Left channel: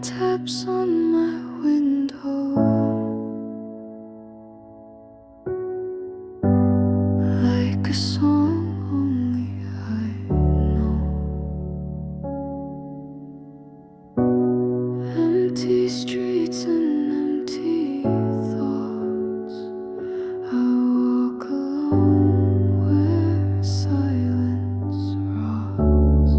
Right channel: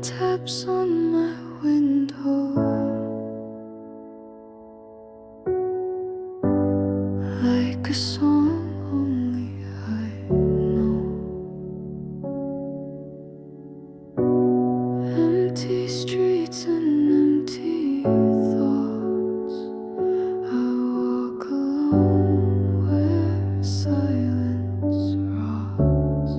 Rain taps on my window like a song only I know. Empty streets and empty thoughts. I walk alone where silence rots.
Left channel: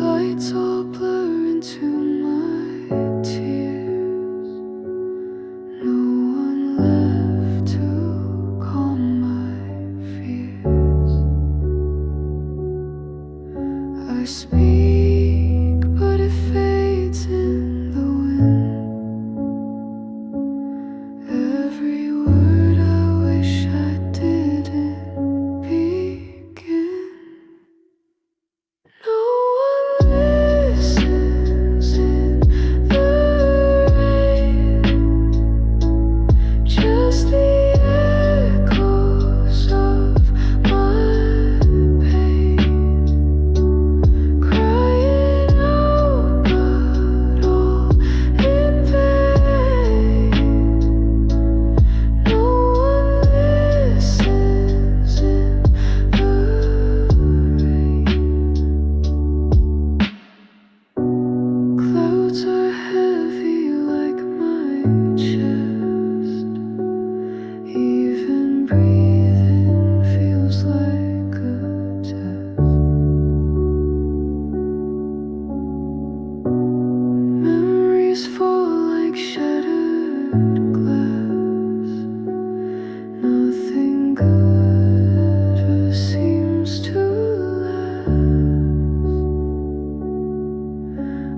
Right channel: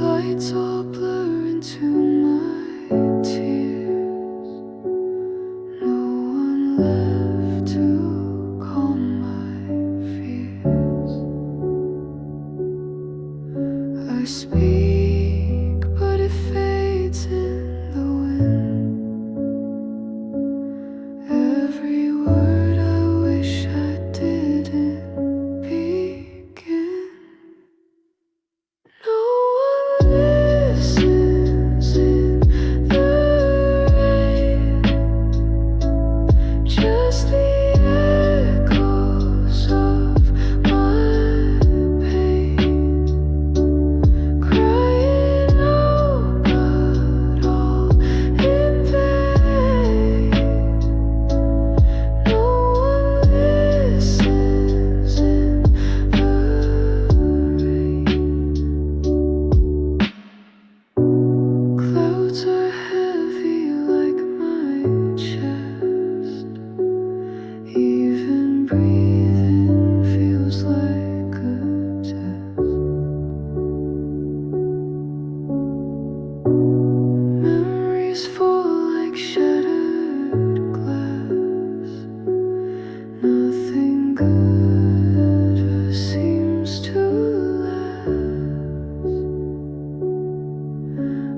Lights all blur into my tears. No one left to calm my fears. I speak, but it fades in the wind. Every word I wish I didn't begin. No one listens in the rain, just the echoes of my pain, crying out but all in vain. No one listens in the rain. Clouds are heavy like my chest. Even breathing feels like a test. Memories fall like shattered glass. Nothing good ever seems to last.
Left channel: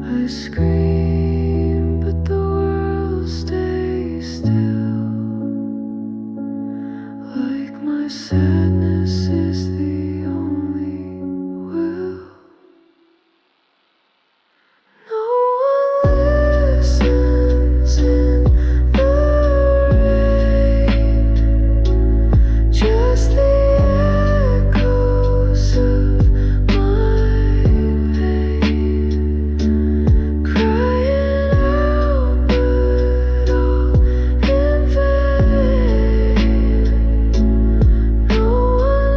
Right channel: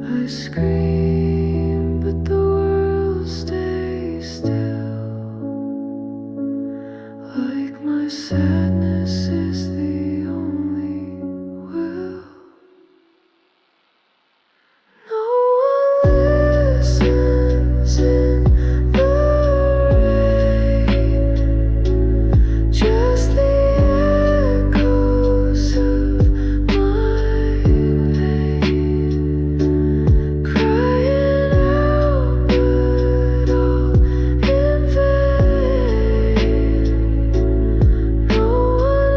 I scream, but the world stays still. Like my sadness is the only will. No one listens in the rain, just the echoes of my pain, crying out but all in vain. No one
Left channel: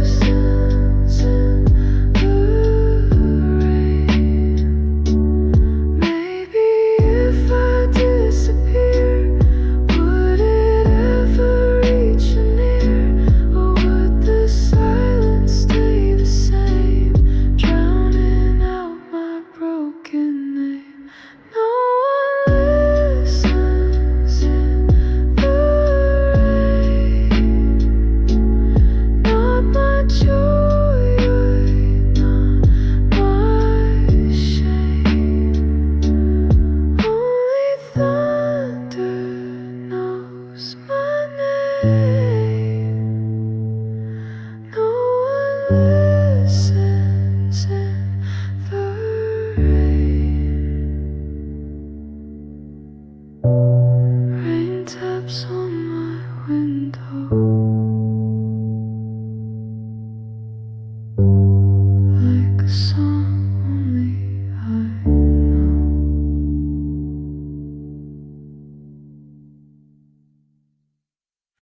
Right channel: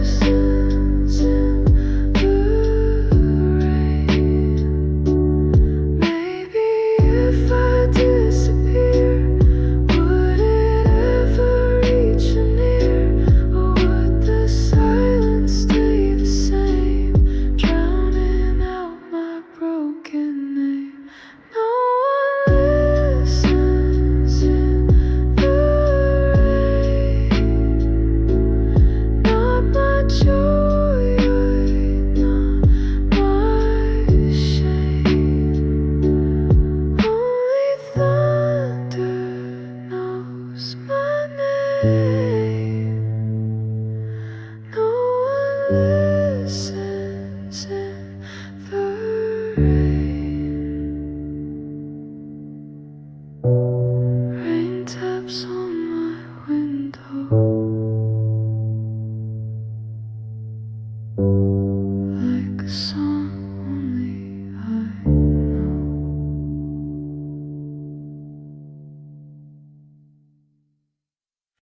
listens in the rain. Maybe if I disappear, would it ever reach an ear? Or would the silence stay the same, drowning out my broken name? No one listens in the rain. Not my joy, not my shame. Only thunder knows my name. No one listens in the rain. Rain taps on my window like a song.